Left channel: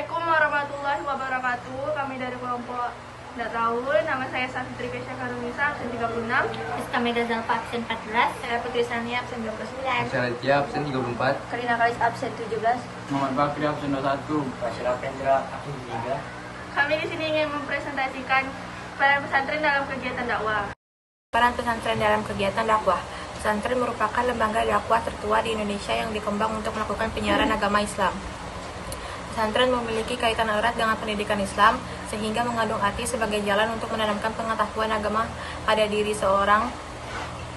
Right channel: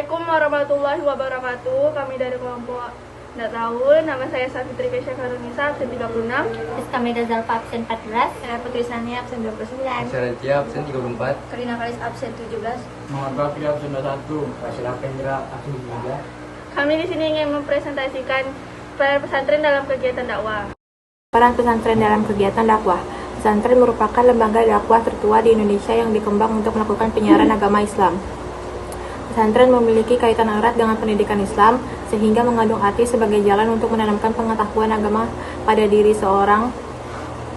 Assalamualaikum warahmatullahi wabarakatuh. Kami dari kelompok Nggak Tahu. Nama saya Safitri Kesha Nisa, absen 36. Terus kami Zalfa absen 14. Saya Putri Sania, absen 29. Saya Ratia, absen 34. Karina Kalis, absen 17. Muhammad Bakri, absen 21. Fasil Pendra, absen 3. Kami di sini ingin mempresentasikan peran pesantren dalam kegiatan dakwah. Peran pesantren dalam kegiatan dakwah. Pesantren merupakan lembaga dakwah tertua di Indonesia yang dikembang untuk melakukan penyiaran agama Islam. Pesantren memiliki kaitan erat dengan pendidikan Islam, sehingga mengandung arti sebagai jalan untuk menanamkan pengetahuan agama pada diri seorang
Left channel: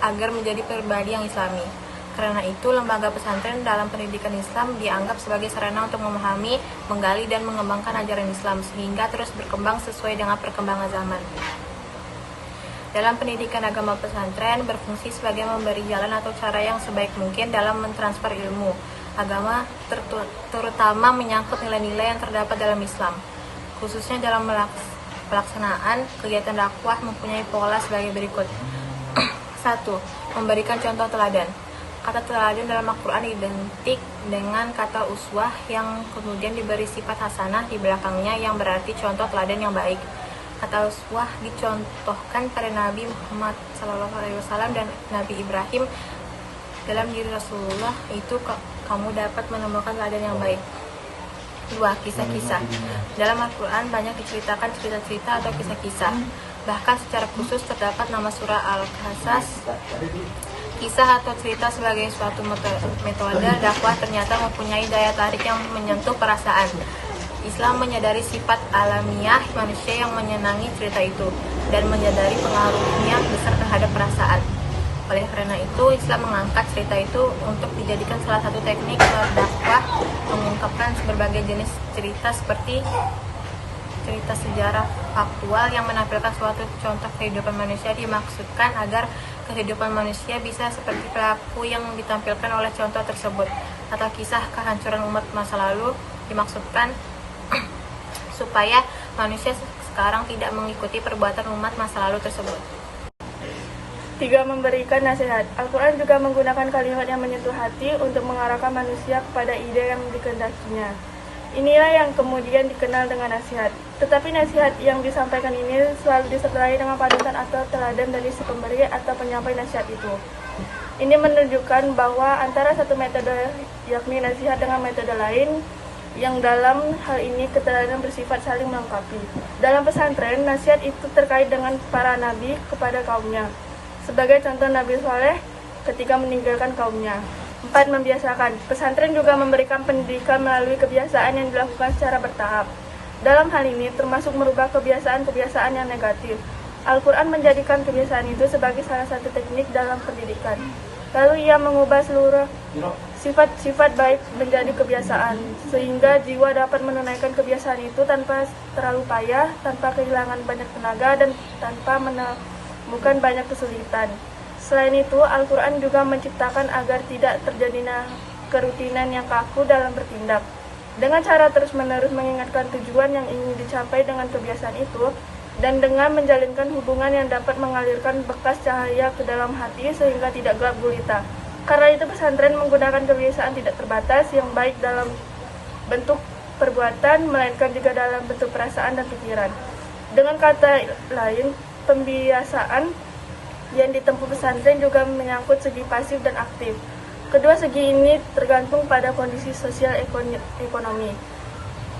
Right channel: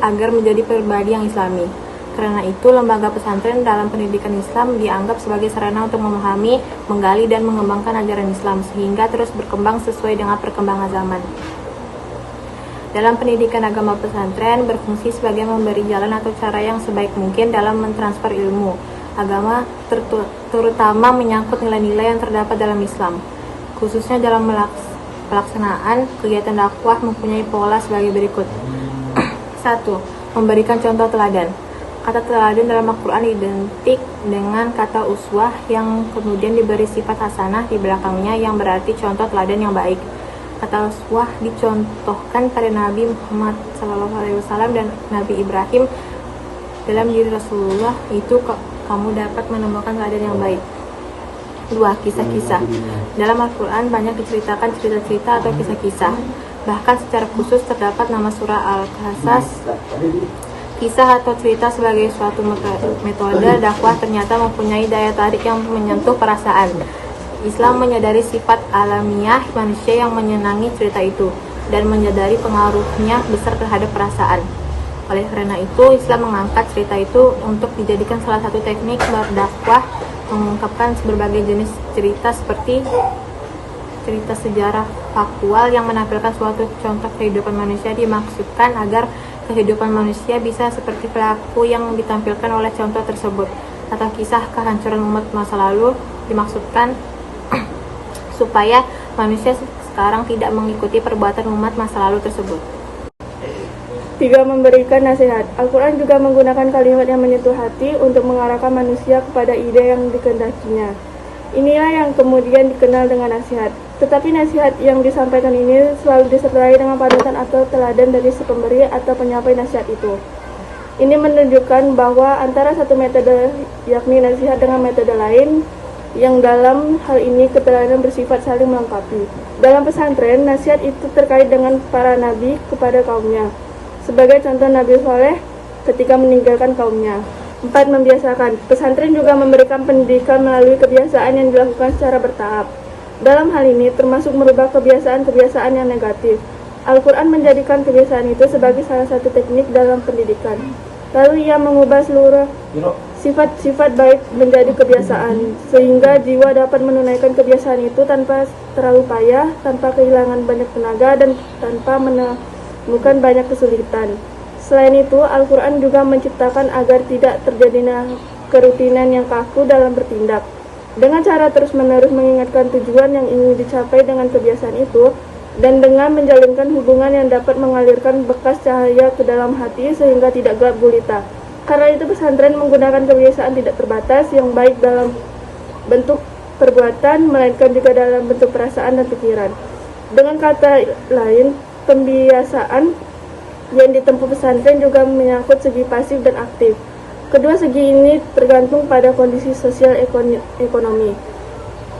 agar menjadi pribadi yang Islami. Karena itu, lembaga pesantren dalam pendidikan Islam dianggap sebagai sarana untuk memahami, menggali, dan mengembangkan ajaran Islam, sehingga terus berkembang sesuai dengan perkembangan zaman. Dalam pendidikan agama, pesantren berfungsi sebagai memberi jalan atau cara yang sebaik mungkin dalam mentransfer ilmu agama, terutama menyangkut nilai-nilai yang terdapat dalam Islam. Khususnya dalam pelaksanaan kegiatan dakwah mempunyai pola sebagai berikut. 1. Memberikan contoh teladan. Kata teladan dalam Al-Quran identik dengan kata uswah yang kemudian diberi sifat hasanah di belakangnya yang berarti contoh teladan yang baik. Kata uswah dicontohkan pada Nabi Muhammad SAW dan Nabi Ibrahim. Dalam diri Rasulullah itu kamu dapat menemukan teladan yang baik. 2. Kisah-kisah. Dalam Al-Quran banyak diceritakan cerita-cerita atau kisah-kisah. Bahkan secara khusus terdapat nama surah Al-Qasas. Kisah atau cerita sebagai suatu metode dakwah ternyata mempunyai daya tarik yang menyentuh perasaan. Islam menyadari sifat alamiah manusia yang menyenangi cerita itu dan menyadari pengaruhnya besar terhadap perasaan. Oleh karena itu, Islam mengangkat cerita itu untuk dijadikan salah satu teknik berdakwah, mengungkapkan berbagai jenis cerita seperti cerita sejarah faktual yang menampilkan suatu contoh kehidupan manusia, dimaksudkan agar kehidupan manusia bisa seperti pelaku yang ditampilkan oleh contoh tersebut, atau kisah kehancuran umat masa lalu dimaksudkan supaya manusia sekarang tidak mengikuti perbuatan umat masa lalu tersebut. 3. Memberikan nasihat. Al-Quran juga menggunakan kalimat yang menyentuh hati untuk mengarahkan manusia kepada ide yang dikehendakinya. Inilah yang kemudian dikenal dengan nasihat. Tetapi nasihat yang disampaikan ini selalu disertai dengan panutan atau teladan dari si pemberi atau penyampai nasihat itu. Ini menunjukkan bahwa antara satu metode, yakni nasihat, dengan metode lain, yang dalam hal ini keteladanan bersifat saling melengkapi. Dalam pesantren, nasihat itu terkait dengan para nabi kepada kaumnya. Sebagai contoh Nabi Saleh ketika meninggalkan kaumnya. 4. Membiasakan. Pesantren juga memberikan pendidikan melalui kebiasaan yang dilakukan secara bertahap. Dalam hal ini termasuk merubah kebiasaan-kebiasaan yang negatif. Al-Quran menjadikan kebiasaan itu sebagai salah satu teknik dalam pendidikan. Lalu ia mengubah seluruh sifat-sifat baik menjadi kebiasaan, sehingga jiwa dapat menunaikan kebiasaan itu tanpa terlalu payah, tanpa kehilangan banyak tenaga, dan tanpa bukan banyak kesulitan. Selain itu, Al-Quran juga menciptakan agar tidak terjadi kerutinan yang kaku dalam bertindak. Dengan cara terus-menerus mengingatkan tujuan yang ingin dicapai dengan kebiasaan itu, dan dengan menjalinkan hubungan yang dapat mengalirkan bekas cahaya ke dalam hati sehingga tidak gelap gulita. Karena itu, pesantren menggunakan kebiasaan tidak terbatas yang baik dalam bentuk perbuatan, melainkan juga dalam bentuk perasaan dan pikiran. Dengan kata lain, pembiasaan yang ditempuh pesantren juga menyangkut segi pasif dan aktif. Kedua segi ini tergantung pada kondisi sosial ekonomi,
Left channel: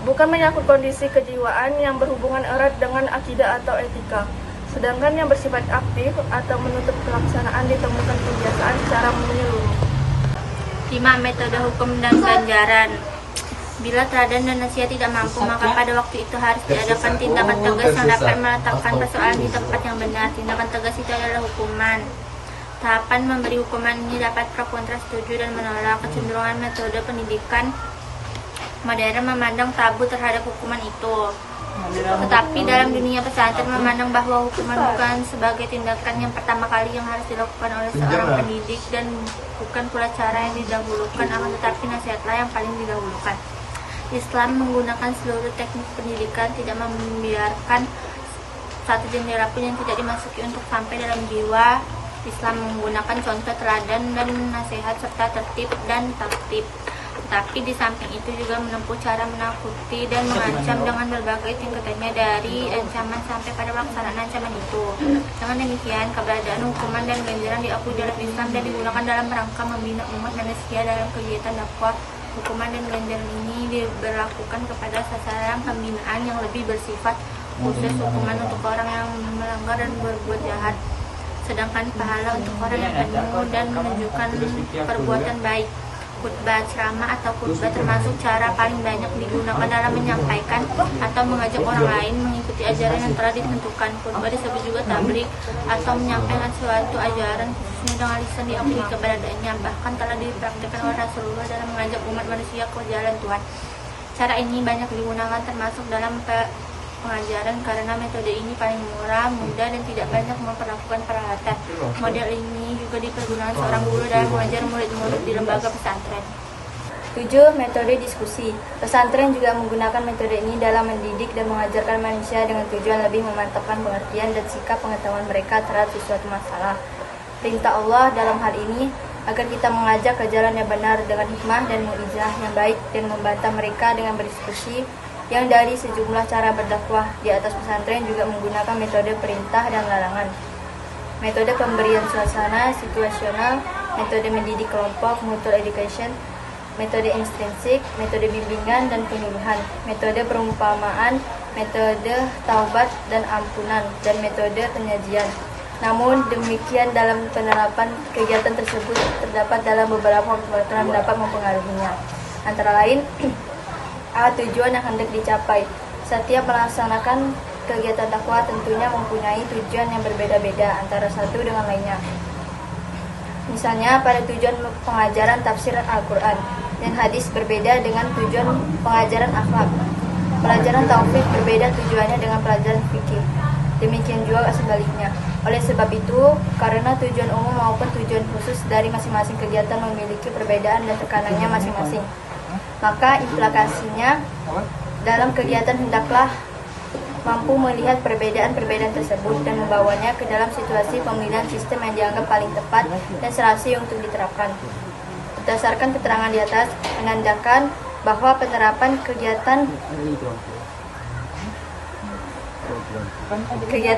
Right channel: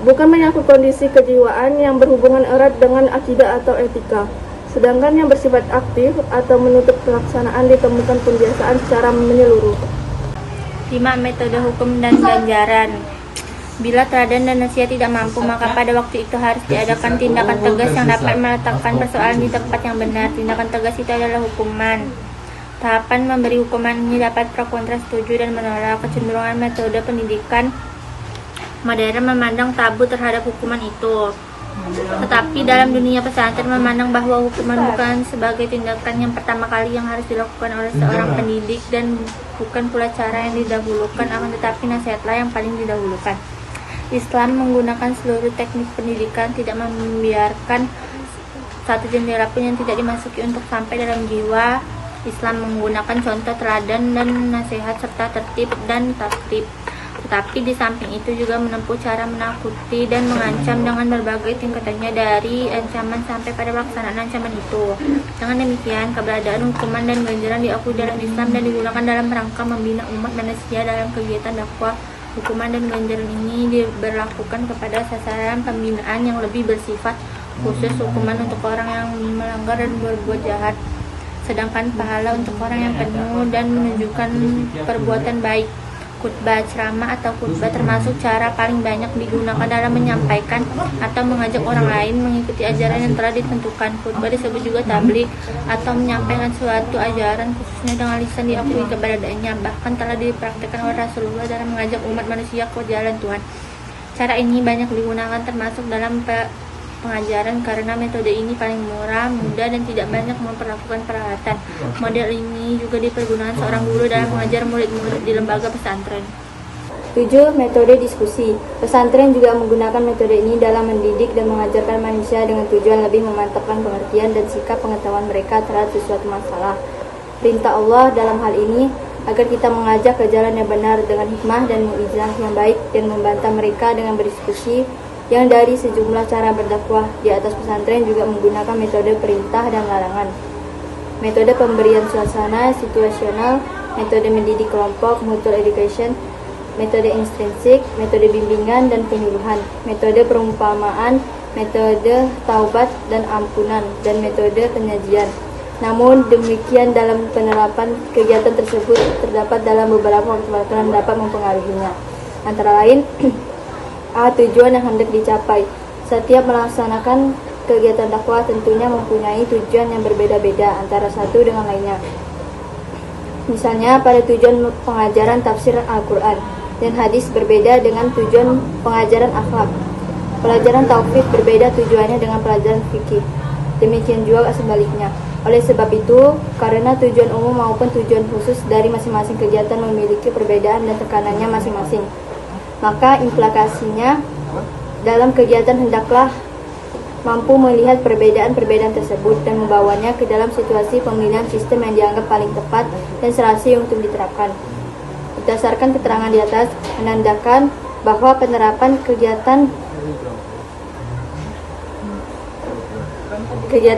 bukan menyangkut kondisi kejiwaan yang berhubungan erat dengan akidah atau etika. Sedangkan yang bersifat aktif atau menutup pelaksanaan ditemukan pembiasaan secara menyeluruh. 5. Metode hukum dan ganjaran. Bila teladan dan nasihat tidak mampu, maka pada waktu itu harus diadakan tindakan tegas yang dapat meletakkan persoalan di tempat yang benar. Tindakan tegas itu adalah hukuman. Tahapan memberi hukuman ini dapat pro kontra, setuju dan menolak. Kecenderungan metode pendidikan modern memandang tabu terhadap hukuman itu. Tetapi dalam dunia pesantren memandang bahwa hukuman bukan sebagai tindakan yang pertama kali yang harus dilakukan oleh seorang pendidik, dan bukan pula cara yang didahulukan, akan tetapi nasihatlah yang paling didahulukan. Islam menggunakan seluruh teknik pendidikan, tidak membiarkan satu jendela pun yang tidak dimasuki untuk sampai dalam jiwa. Islam menggunakan contoh teladan dan nasihat serta tertib dan taktib. Tapi di samping itu juga menempuh cara menakuti dan mengancam dengan berbagai tingkatannya dari ancaman sampai pada pelaksanaan ancaman itu. Dengan demikian, keberadaan hukuman dan ganjaran diakui dalam Islam dan digunakan dalam rangka membina umat manusia dalam kegiatan dakwah. Hukuman dan ganjaran ini diberlakukan kepada sasaran pembinaan yang lebih bersifat khusus, hukuman untuk orang yang melanggar dan berbuat jahat, sedangkan pahala untuk orang yang penuh dan menunjukkan perbuatan baik. Khutbah, ceramah atau khutbah termasuk cara paling banyak digunakan dalam menyampaikan atau mengajak orang lain mengikuti ajaran yang telah ditentukan. Khutbah disebut juga tabligh atau menyampaikan suatu ajaran khususnya dengan lisan diakui keberadaannya, bahkan telah dipraktikkan oleh Rasulullah dalam mengajak umat manusia ke jalan Tuhan. Cara ini banyak digunakan termasuk dalam pengajaran karena metode ini paling murah, mudah, dan tidak banyak memperlakukan peralatan. Model ini juga dipergunakan seorang guru dalam mengajar murid-murid di lembaga pesantren. 7. Metode diskusi. Pesantren juga menggunakan metode ini dalam mendidik dan mengajarkan manusia dengan tujuan lebih memantapkan pengertian dan sikap pengetahuan mereka terhadap sesuatu masalah. Perintah Allah dalam hal ini agar kita mengajak ke jalan yang benar dengan hikmah dan mengijrah yang baik dan membantah mereka dengan berdiskusi. Yang dari sejumlah cara berdakwah di atas, pesantren juga menggunakan metode perintah dan larangan, metode pemberian suasana situasional, metode mendidik kelompok mutual education, metode intrinsik, metode bimbingan dan penyuluhan, metode perumpamaan, metode taubat dan ampunan, dan metode penyajian. Namun demikian, dalam penerapan kegiatan tersebut terdapat dalam beberapa faktor yang dapat mempengaruhinya, antara lain tujuan yang hendak dicapai. Setiap melaksanakan kegiatan dakwah tentunya mempunyai tujuan yang berbeda-beda antara satu dengan lainnya. Misalnya, pada tujuan pengajaran tafsir Al-Quran dan hadis berbeda dengan tujuan pengajaran akhlak. Pelajaran tauhid berbeda tujuannya dengan pelajaran fikih. Demikian juga sebaliknya. Oleh sebab itu, karena tujuan umum maupun tujuan khusus dari masing-masing kegiatan memiliki perbedaan dan tekanannya masing-masing, maka implikasinya dalam kegiatan hendaklah mampu melihat perbedaan-perbedaan tersebut dan membawanya ke dalam situasi pemilihan sistem yang dianggap paling tepat dan serasi untuk diterapkan. Berdasarkan keterangan di atas, menandakan bahwa penerapan kegiatan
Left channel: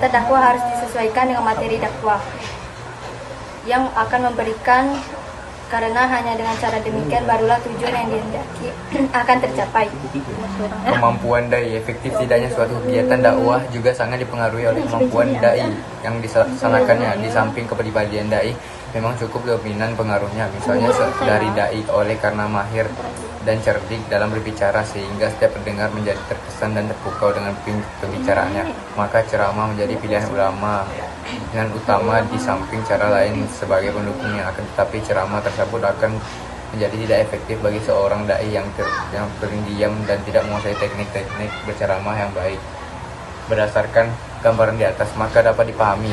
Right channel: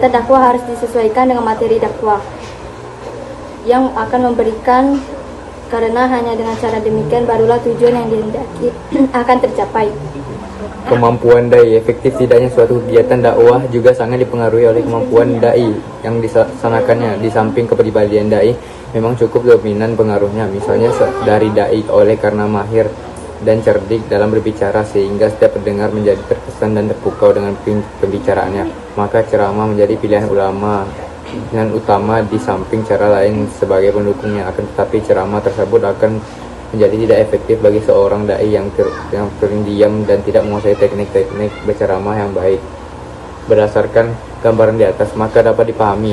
dakwah harus disesuaikan dengan materi dakwah yang akan memberikan, karena hanya dengan cara demikian barulah tujuan yang dihendaki akan tercapai. Kemampuan dai, efektif tidaknya suatu kegiatan dakwah juga sangat dipengaruhi oleh kemampuan dai yang dilaksanakannya. Di samping kepribadian dai memang cukup dominan pengaruhnya, misalnya dari dai oleh karena mahir dan cerdik dalam berbicara sehingga setiap pendengar menjadi terkesan dan terpukau dengan pembicaraannya, maka ceramah menjadi pilihan utama di samping cara lain sebagai pendukungnya. Akan tetapi ceramah tersebut akan menjadi tidak efektif bagi seorang dai yang diam dan tidak menguasai teknik-teknik berceramah yang baik. Berdasarkan gambaran di atas, maka dapat dipahami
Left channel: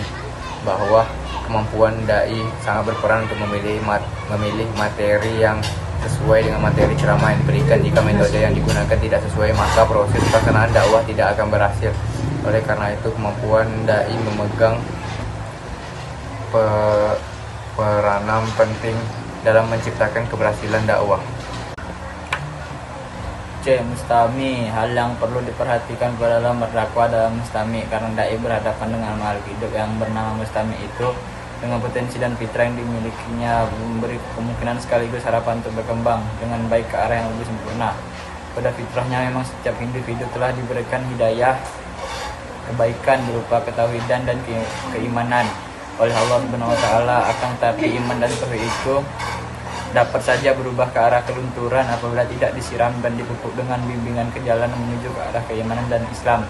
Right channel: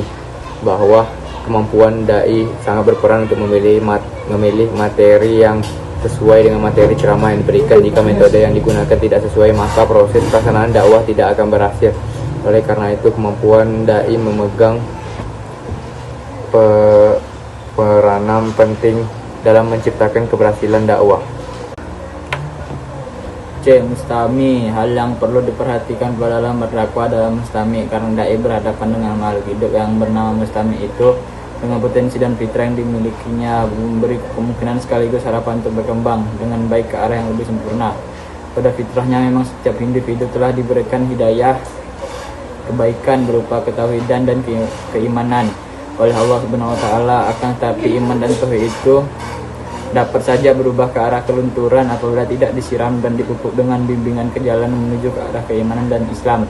bahwa kemampuan dai sangat berperan untuk memilih materi yang sesuai dengan materi ceramah yang diberikan. Jika metode yang digunakan tidak sesuai, maka proses pelaksanaan dakwah tidak akan berhasil. Oleh karena itu, kemampuan dai memegang peranan penting dalam menciptakan keberhasilan dakwah. C. Mustami. Hal yang perlu diperhatikan dalam berdakwah dalam mustami, karena dai berhadapan dengan makhluk hidup yang bernama mustami itu dengan potensi dan fitrah yang dimilikinya memberi kemungkinan sekaligus harapan untuk berkembang dengan baik ke arah yang lebih sempurna. Pada fitrahnya memang setiap individu telah diberikan hidayah kebaikan berupa ketauhidan dan keimanan oleh Allah Subhanahu wa taala. Akan tetapi iman dan tauhid itu dapat saja berubah ke arah kelunturan apabila tidak disiram dan dipupuk dengan bimbingan ke jalan menuju ke arah keimanan dan Islam.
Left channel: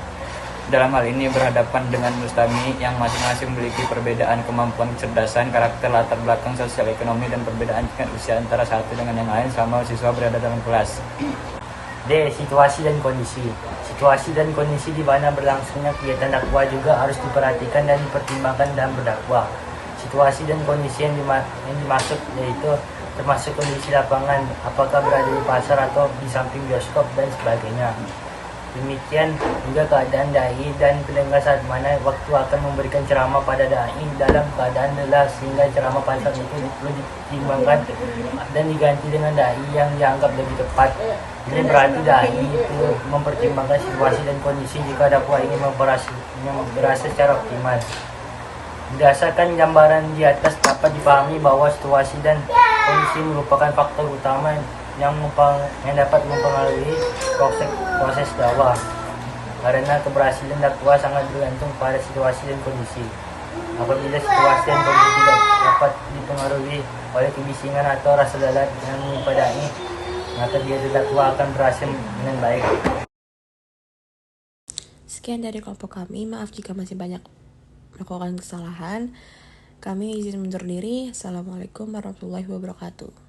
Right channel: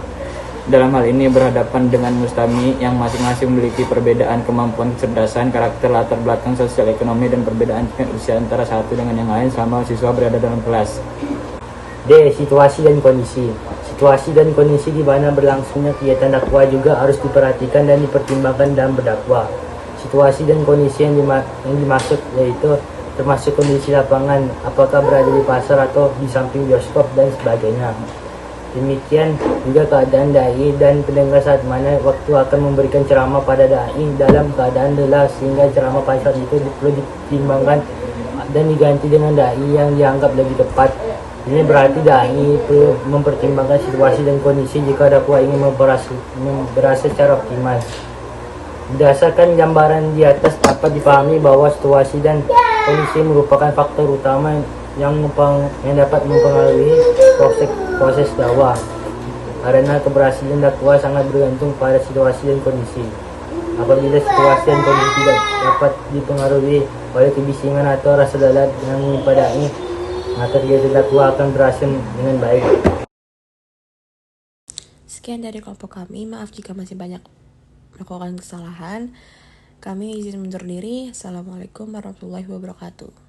Dalam hal ini berhadapan dengan mustami yang masing-masing memiliki perbedaan kemampuan, kecerdasan, karakter, latar belakang sosial ekonomi, dan perbedaan tingkat usia antara satu dengan yang lain selama siswa berada dalam kelas. D. Situasi dan kondisi. Situasi dan kondisi di mana berlangsungnya kegiatan dakwah juga harus diperhatikan dan dipertimbangkan dalam berdakwah. Situasi dan kondisi yang dimaksud yaitu termasuk kondisi lapangan, apakah berada di pasar atau di samping bioskop dan sebagainya. Demikian juga keadaan dai dan pendengar saat mana waktu akan memberikan ceramah pada dai dalam keadaan lelah, sehingga ceramah pada saat itu perlu ditimbangkan dan diganti dengan dai yang dianggap lebih tepat. Ini berarti dai itu mempertimbangkan situasi dan kondisi jika dakwah ini berasa secara optimal. Berdasarkan gambaran di atas dapat dipahami bahwa situasi dan kondisi merupakan faktor utama yang dapat mempengaruhi proses dakwah. Karena keberhasilan dakwah sangat bergantung pada situasi dan kondisi. Apabila situasi dan kondisi tidak dapat dipengaruhi oleh kebisingan atau rasa lalat yang menimpadai, maka kegiatan dakwah akan berhasil dengan baik. Sekian dari kelompok kami, maaf jika masih banyak melakukan kesalahan. Kami izin mundur diri. Assalamualaikum warahmatullahi wabarakatuh.